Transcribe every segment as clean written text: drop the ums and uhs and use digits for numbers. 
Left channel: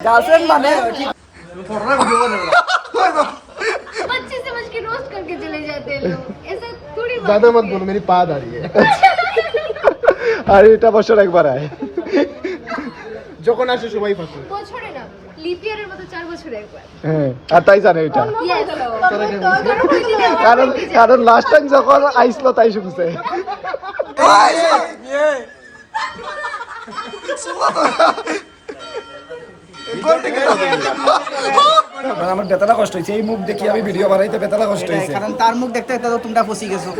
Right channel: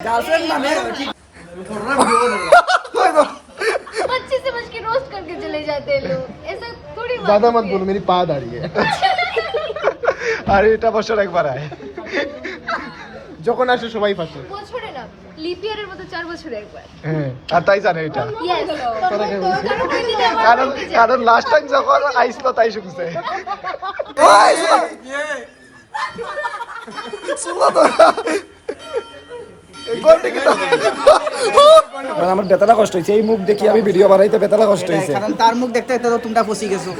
Girlfriend माने अच्छे समझ के रोस्ट करके चले जाते हैं लोग, ऐसा थोड़ी बात ज्यादा मत होती बोलो, मेरी पा आ रही है। আরে এটা বছর একবার আয়, যখন আসে সবাই ফাঁসে। বছরে না, লিপ ইয়ারের মতো 4 বছরে একবার। হ্যাঁ, আর তাই জানে এটা। Yes. কারণ কারণ লাস্ট টাইম যখন আইছিল তাই শুনছে। আমার বেতালা কষ্ট হয়েছে, এই মুখ দেখি আমি ভিডিও বানাইতে বেতালা কষ্ট হয়েছে। কারণ তার মুখ দেখতে তো তোমরা ফসি গেছো।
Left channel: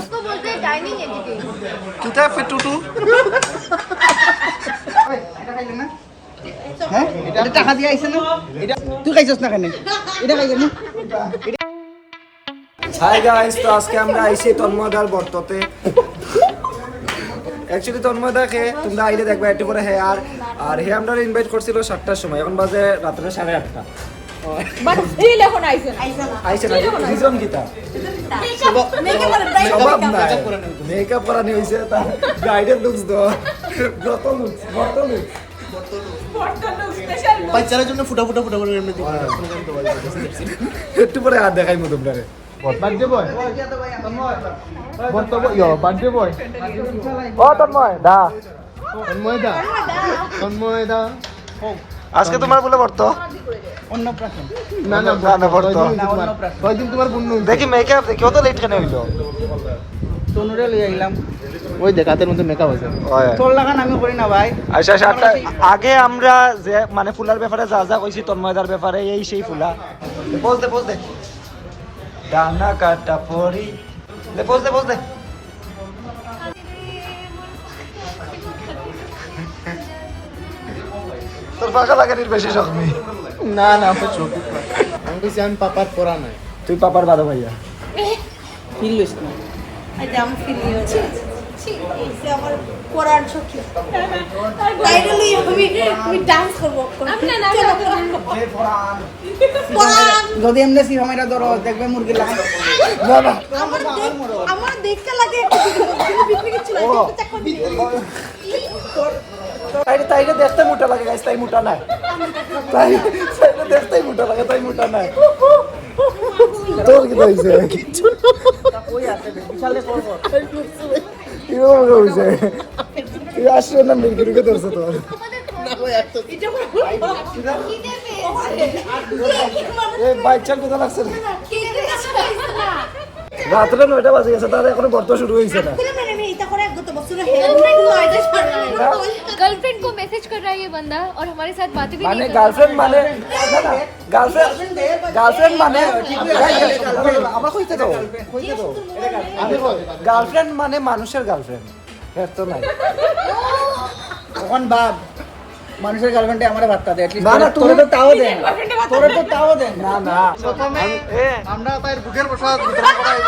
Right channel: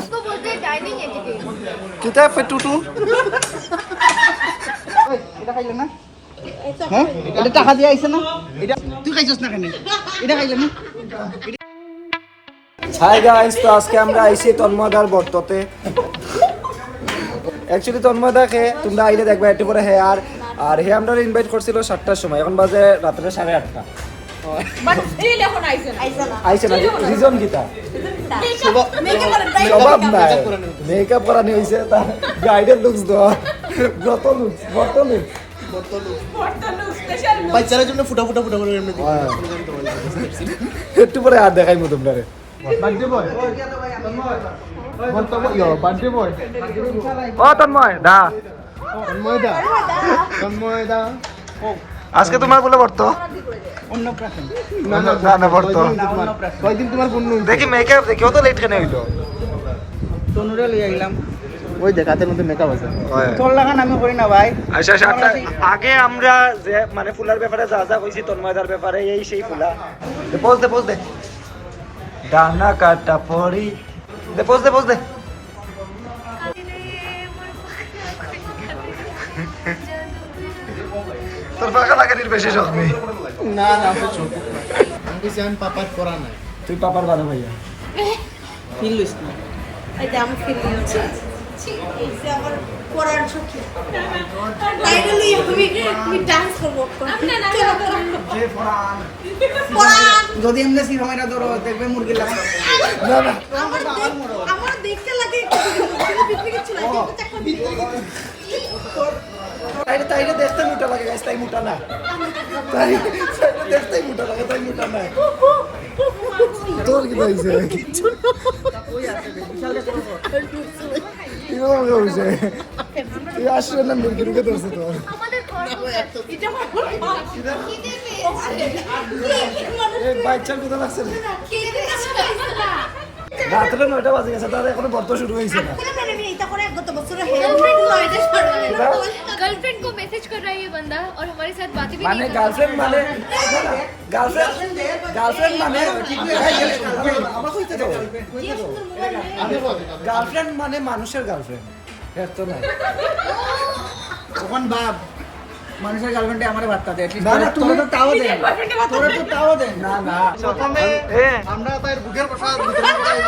उसको बोलते हैं डाइनिंग एटिकेट। কিতা ফেটুটু এটা খাইলে না? হ্যাঁ, এটা টাকা দিয়ে আইছে না? এটা তুই খাইছস না কেন? এটা খাইলে না? হাই গাইস, তো আজকে আমরা আইছি তন্ময়দার বর্ততে। অ্যাকচুয়ালি তন্ময়দাকে তোমরা আইলে দেখবে একটু করে হে আর হে আমরা ইনভাইট করছিল 7টার সময়, এখন বাজে রাত্রে 8:30। আইছে না রিজন দিতা জবাব নাই, মেকআপ করানি হইছে, তার ব্রাইডাল লুকস দাও, যত লুকস বাচ্চাদের জন্য ফুটা ফুটা ফুটা করে এমনি একটু পরে আর দেখাইমু তোমরা। বার্থডে বয়, বর্তব ইয়ো বার্থডে বয়, ও তন্ময় দা, তন্ময় দা। আজকে তোমার বলে বর্ত অন্নপ্রাশন। না না না বর্ত কয়দিন তোমার পূর্ণ দেখি মেকআপ দেখি, ও তো লেট কেন হইলো? তনুরে লই আইলাম। ওই দেখ হাতের মধ্যে মেকআপ আছে। তোর লাগান আমি করি না ভাই। আচ্ছা আগে আমরা যে মানে ফুলার ব্যাপারে যা যা কইছি তন্ময়দার ব্যাপারে, এই সেই ফুলা পোজ দে ডানা কাটা পড়ি দে পোজ দে তোর ফাঁকা লাগানির বেশি শখ নেই। না না ছোট আমি বলছি আমি পাপার করা নাই। তুই পাপার বারো ভাইয়া। ফিলিস না। এটা আমি ফিল হচ্ছে এই যে আমার করার ঝুঁকি টাইটেল আমি ডান্স করবো আপনি না যদি এমনি ফি আমরা ধরো দেখবে মুরগি লাগে। না না আমার দেখতে লাগে বিক্রি করছিল তাইলে দেখতে মোটা লাগে গাইস, তাই মোটা না, তাই দেখতেই মোটা লাগে, তাই মোটা না। তোর কি কইছে? ওই আছে বিশালে করব। ও কইছে তুই আসলে না মুরগি ঢুকে ধরছে তো। এ বাচ্চা কোথা লাগছে না? রাত্রে 9টা বাজে গেছে, তার এখনো বর্ত শুরু হয়েছে না। गर्लफ्रेंड को मैसेज कर रहा है ये बंदा और हमारे साथ बातें भी মানে नहीं कर গার্লফ্রেন্ড মানে গার্লফ্রেন্ড মানে আমার কইতে তো আমি গার্লফ্রেন্ড মানে মানুষের গার্লফ্রেন্ড, এর তো নাই। তখন বাপ মানুষের গার্লফ্রেন্ডে আমার বার্তা দেয়। না না তুমি তো তাও দেন, তোরে তো তাও দেন। না না প্রথমে এ আমরা তার বুকের প্রসাদ বিতরণ করাইব।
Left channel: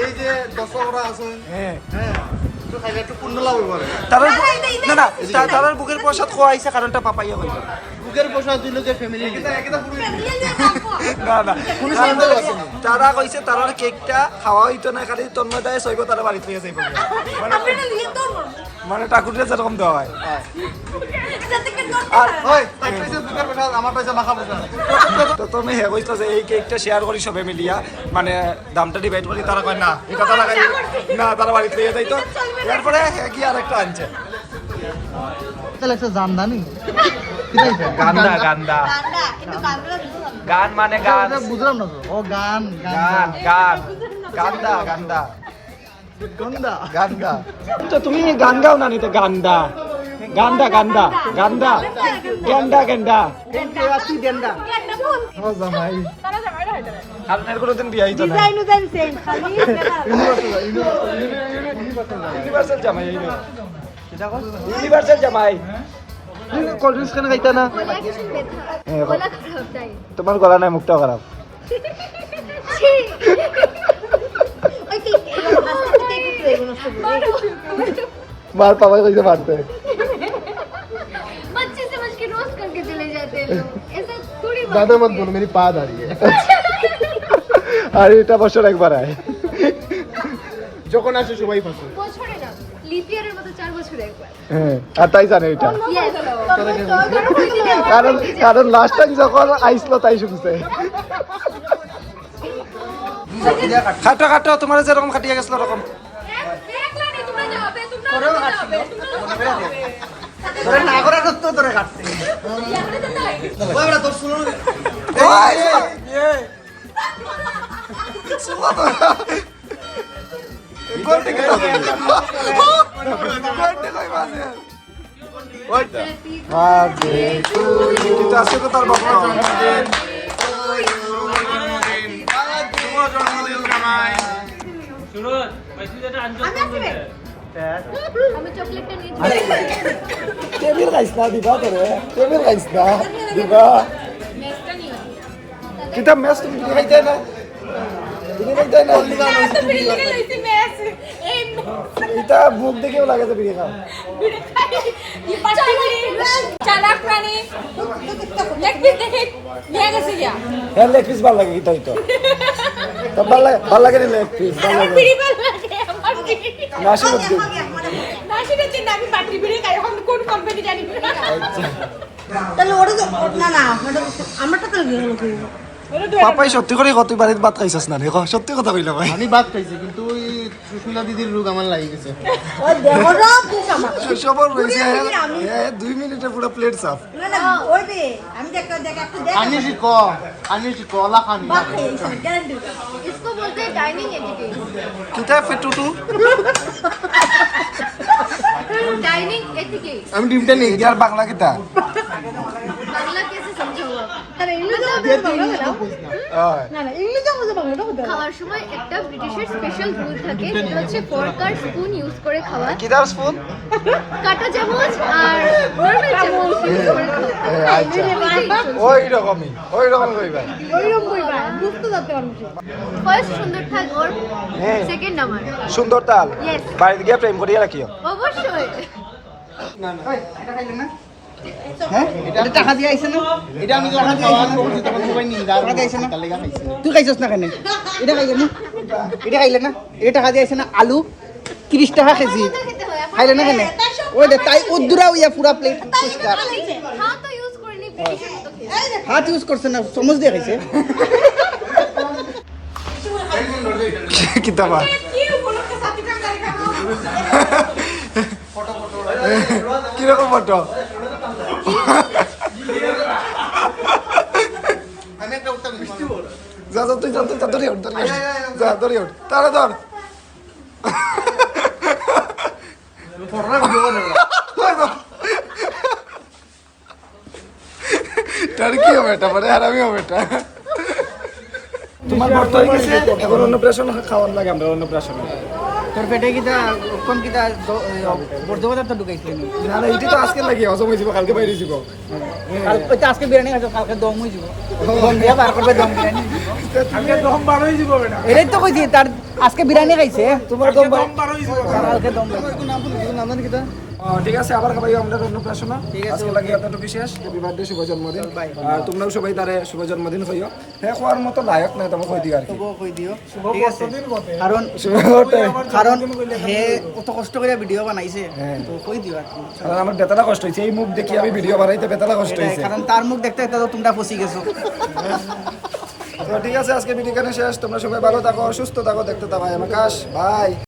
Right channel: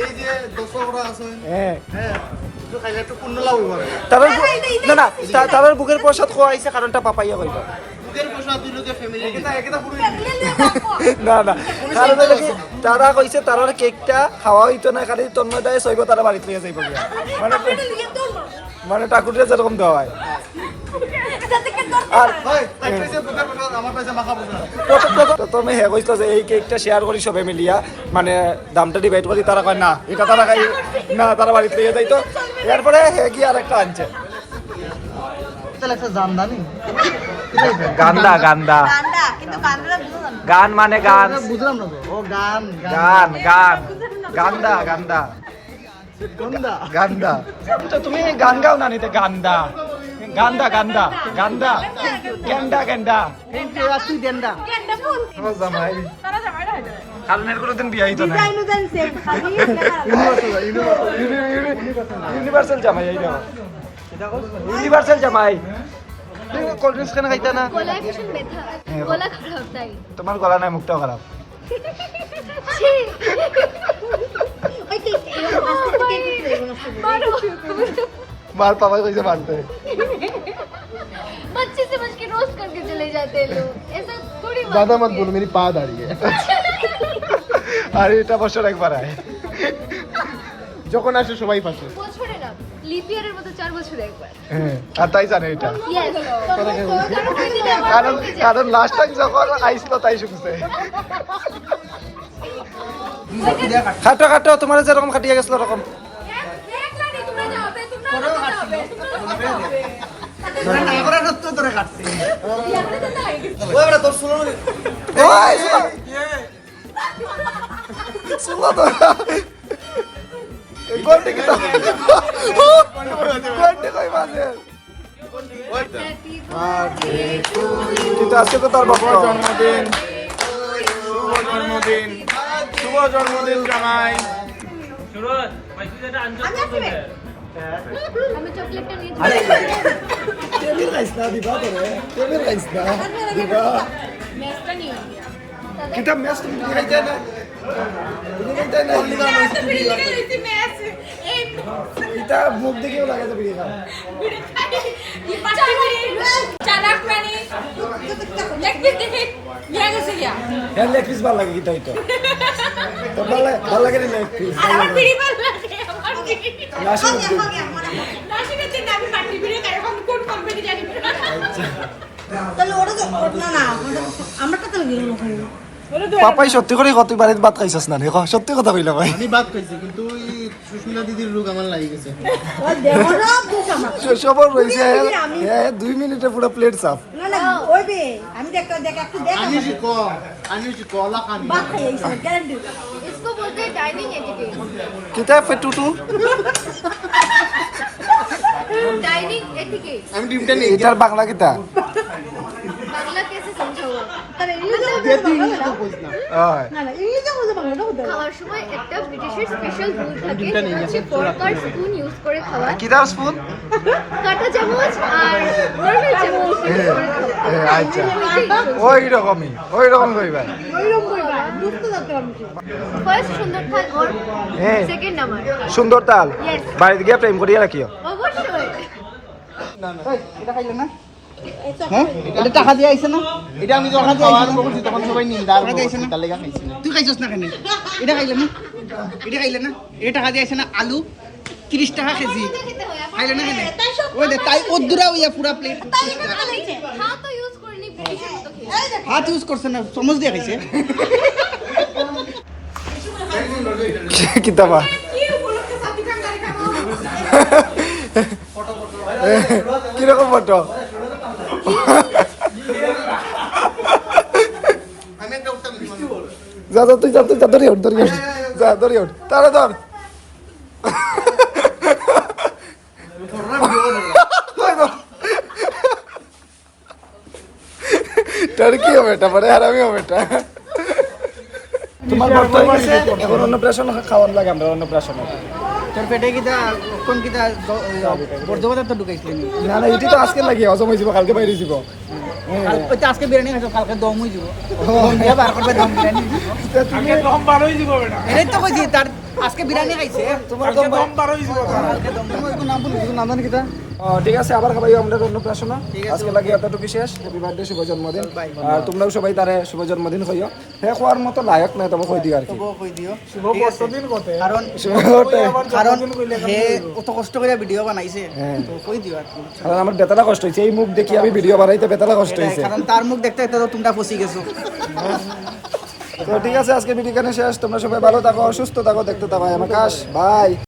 এই যে দর্শকরা আছেন, হ্যাঁ হ্যাঁ একটু খাইলে একটু পুণ্য লাভ হবে। তাদের না না তাদের বুকের প্রসাদ খোয়াইছে, কারণটা পাপাইয়া কইল। বুকের প্রসাদ দিল যে ফ্যামিলি এটা পুরো না না কারণ হলো কি, তারা কইছে তারার কেকটা খাওয়া হইতো না, খালি তন্ময় দেয় সইব, তারা বাড়িতে লিয়ে যাইব গিয়া। মানে ঠাকুরের যেরকম দেওয়া হয়। আর হয় এক পিসে বুকের প্রসাদ, আমার পয়সা মাখা প্রসাদ। প্রথমে হে কইছিল যে এই কেকটা শেয়ার করি সবে মিলিয়া, মানে দামটা ডিভাইড করি, তারা কয় না এটা তারা খাই না, তারা বাড়িতে লিয়ে যাইতো। এরপরে হে কি আরেকটা আনছে তাহলে একটা দাম দানি গান্দা গান মানে গান, বুঝলাম না তো। ও গান গান্দা গন্ধা গান্দা তো তুমি গান গাও না নিতে গান্দা গান্দা থ্যাংক ইউ আপনি দেন না। জামাই কারণ এর কোনোদিন বিয়ে হইতো না। ইউনিভার্সাল জামাই এই না, ইউনিভার্সাল জামাই। কোল্ড ড্রিঙ্কস কেন খাইতা না? गला खराब चाहिए তোমার গলা নাই, মুখটাও খারাপ। মার পাপা কইছে মারতে। बच्चे समझ के रोस्ट करके चले जाते हैं लोग, ऐसा थोड़ी बात ज्यादा मत बोलो, मेरी पा आ रही है। আরে এটা বছর একবার আয়, যখন আসে সবাই ফাঁসে। বছরে না, লিপ ইয়ারের মতো 4 বছরে একবার। হ্যাঁ আর তাই জানে এটা Yes. কারণ কারণ লাস্ট টাইম যখন আইসলো তাই শুনছে খাটো খাটো তোমার যেরকম খাটিয়ে গেছিল ওরকম না করার সত্ত্বেও তোরে কাটছে ওই সুলা তো গোলটি কি তো গোলটি কই মাসে কিন্তু আজকে তো তার বাবা আমি চকলেটটা নিয়ে টেবিল গাইস না দিবা তোরে টেবিল গাইস না দিবা নেক্সটটা নিয়ে কিতা ম্যাচ তুমি খাইতে না তুমি খাইতে না তো বিড়ি লেগে লইছি ম্যাচ এই এটা মুখ দেখেও লাগে তো বিড়ি খাও বিড়ি খাই এই পাঁচটি বিড়ি চালাক প্রাণী লেগ পিস নিয়ে গেছে গিয়া হ্যাঁ লেগ পিস ভালো লাগে কিতা হইতো তো ভালো লাগে লেগ পিস ভালো আমার লাগে বিড়ি ভালো লাগে আমার বিড়ি নাশি উদ্দি নাসিরের দিন আমি পার্টি বিড়ি খাই এখন কোন কোম্পানি জানি না তাহলে ওটা তো না না আমারটা তো পাপাই সত্যি করে কত বাড়িতে ভাত খাইছস না রে সত্যি কথা কইলা ভাই আমি ভাত খাইছি কিন্তু ওই সুস্মিতা দিদির রোগ আমার লাগি গেছে ও দেখো না বুক আমার সবার রইছে হ্যাঁ 2 মিনিটে পুরো প্লেট সাফ না না ওই বে আমি দেখ একটু দেখ আমি কলা খানি বাদ খাই এই গ্যারান্টি इसको बोलते हैं डाइनिंग एटिकेट কিতা ফেটুটু डाइनिंग एटिकेट আমি ডিমটা নিয়ে এটার বাংলা কিতা बांग्ला कैसे समझाओ আরে ইংলিশে বাংলা ওই না না ইংলিশে বুঝে বাংলাটা বুঝে খাওয়ার সময় একটা ব্রিটিশের স্পেশাল রুল থাকে যেটা হচ্ছে ফর্ক আর স্পুন ইউজ করে খাওয়া কিদার স্পুন কাঁটা চামচ আর নরমাল চামচ ইউজ করে খাওয়া আচ্ছা ওই রকম কইবা ওইরকম কইবা বুঝতে যাচ্ছে মানুষ ফার্স্ট সুন্দর থাক ওর হ্যাঁ সেকেন্ড নাম্বার সুন্দর তাল Yes. বাড়িতে গিয়ে প্রেম করিয়া রাখিও অবশ্যই এটা খাইলে না হ্যাঁ এটা টাকা দিয়ে আইছে না এটা আমি যখন খাওয়া আরম্ভ করছি তখন সবাই নিন্দার টাকা দিয়ে আইছে না তার লেগা খাইছি না তুই খাইছস না কেন এটা খাইলে না এটা টাকা দিয়ে আইছে না আলু 30 টাকা কেজি খাইলে না কেন ওই দে তাই ওদুরা হইয়া পুরা প্লেট পরিষ্কার আমি হাত তো ইউজ করিনি ব্রিটিশের মতো খেয়ে হাত ইউজ করছে না চামচ দিয়ে খাইছে কিতা বা কিরকম ফটো আমি একটা উত্তর দিছি যা তুই যা ধরি ওঠ যা ধরি ওঠ তারা ধর তার কি হবে এটা পরে আর আমি হবে এটা তোমার বর্ত হয়ে গেছে এখন অন্নপ্রাশন খাওয়ান লাগে আমরা অন্নপ্রাশনে তোর পেটে কিটা কোন কিটা বর্ধমানে তো ঢুকাইছিলেন না না এটি তো আজকে লাগে হজম হয়ে যাব কালকে বাইরে যাব কাল আজকে বিরিয়ানি খাইছো কালকে দম হই যাব দম দিয়া বার করবে দম বিরিয়ানি আজকে দম বার হয়ে যাব বেটা এটাই তো কইছি তার আজকে বিরিয়ানি খাইছে তোমার দম বার হয়ে যাব কালকে দম নাম কিটা ঠিক আছে আবার খাবাই আমরা অন্নপ্রাশন আজকে লাগে এতটুকু শেষ হ্যাপি বার্থডে শুভ জন্মদিন আর তোমরাও সবাই তারে শুভ জন্মদিন হইও হ্যাঁ খোয়ার মতো লায়ক নাই তোমাকে কই দিও আর কি কই দিও ঠিক আছে কারণ শুভটা কারণ হে অত কষ্ট করে ভিডিও বানাইছে হ্যাঁ। তো কই দিও আর কি কারণ আমার বেতালা কষ্ট হয়েছে এই মুখ দেখি আমি ভিডিও বানাইতে বেতালা কষ্ট হয়েছে কারণ তার মুখ দেখতে দেখতে তো তোমরা ফসি গেছো তো ঠিক আছে আজকে ভিডিও এখানে শেষ তোমরা সবাই ভালো থাকো সুস্থ থাকো দেখতে থাকো আকাশ বাই